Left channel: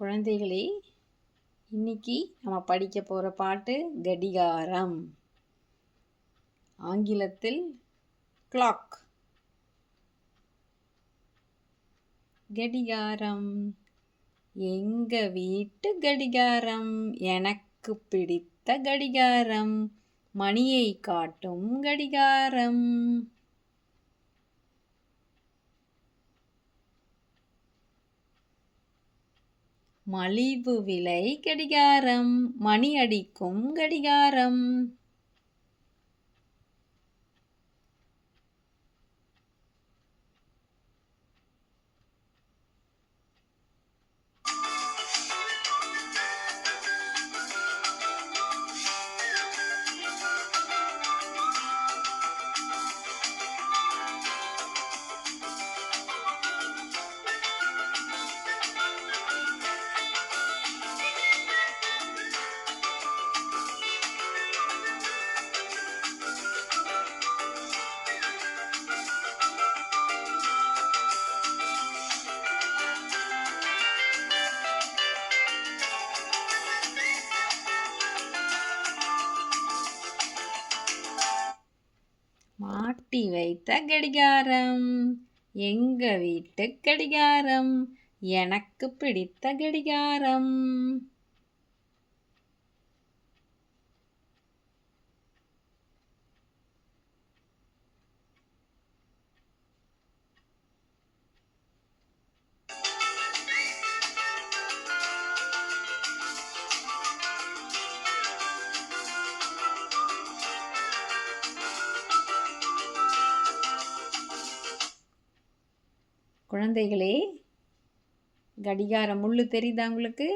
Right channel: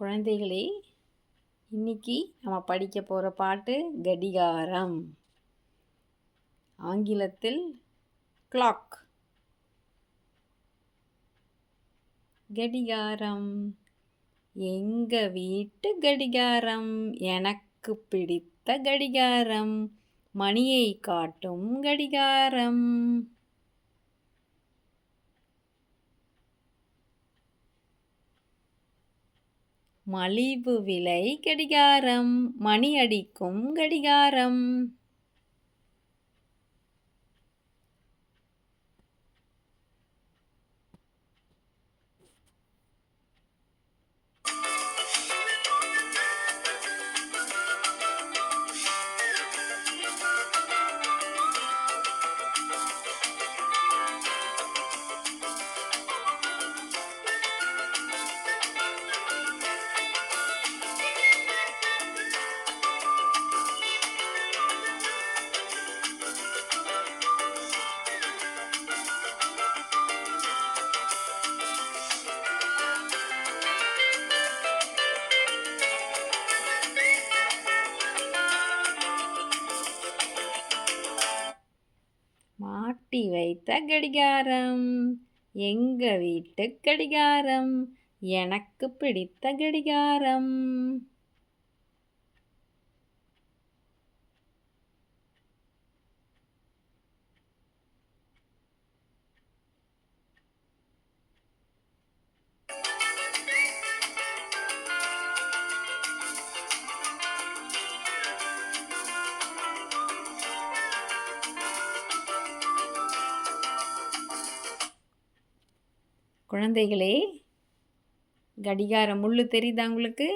குழந்தைகளே, இன்னைக்கு நம்ம படிக்க போகிற பாட்டு கடிகாரம். ஆங்கிலத்தில் கிளாக். கடிகாரம், எங்க வீட்டு கடிகாரம், எனக்கு பிடித்த கடிகாரம், மணியை காட்டும் கடிகாரம். மலிவு விலை கடிகாரம், மணி அடிக்கும் கடிகாரம். மாட்டி வைத்த கடிகாரம், எங்க வீட்டு கடிகாரம், எனக்கு பிடித்த கடிகாரம். குழந்தைகளே, கடிகார முள் தெரியுதா உங்களுக்கு?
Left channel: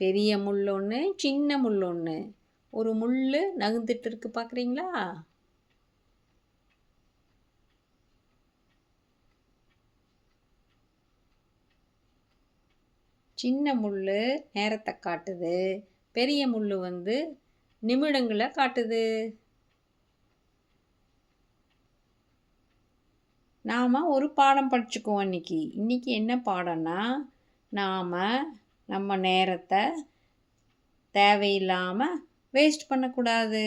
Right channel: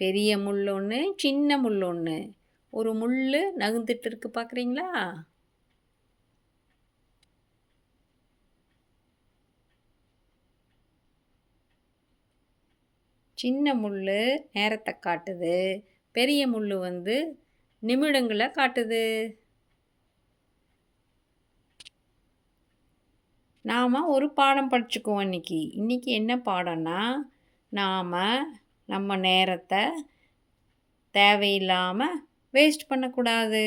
பெரிய முள் ஒன்று, சின்ன முள் ஒன்று. ஒரு முள் நகர்ந்துட்டு இருக்கு, பார்க்குறீங்களா? சின்ன முள் நேரத்தை காட்டுது, பெரிய முள் நிமிடங்களை காட்டுது. நாம் ஒரு பாடம் படிச்சுக்குவோம் இன்னைக்கு என்ன பாடம்னா, நாம் நம்ம நேரத்தை தேவையில்லாமல் வேஸ்ட் பண்ணக்கூடாது.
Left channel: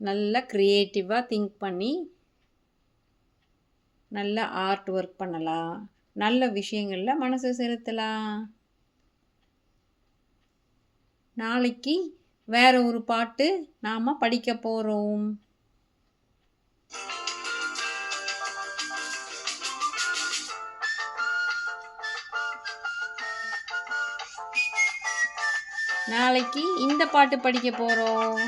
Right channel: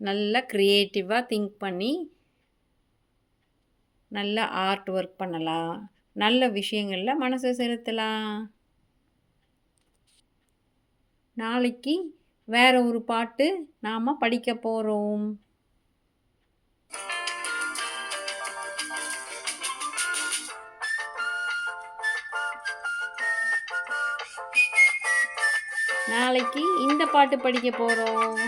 நல்லா க்ரியேட்டிவாக திங்க் பண்ணி நல்ல ஆர்ட் ஒர்க் பண்ணலாம், நல்ல விஷயங்களில் மனசை செலுத்தலாம். நாளைக்கு வேற ஒரு பாட்டு நாம் படிக்க போகிறோம். நாளைக்கு இந்த பாட்டு படிக்க போகிறோம்.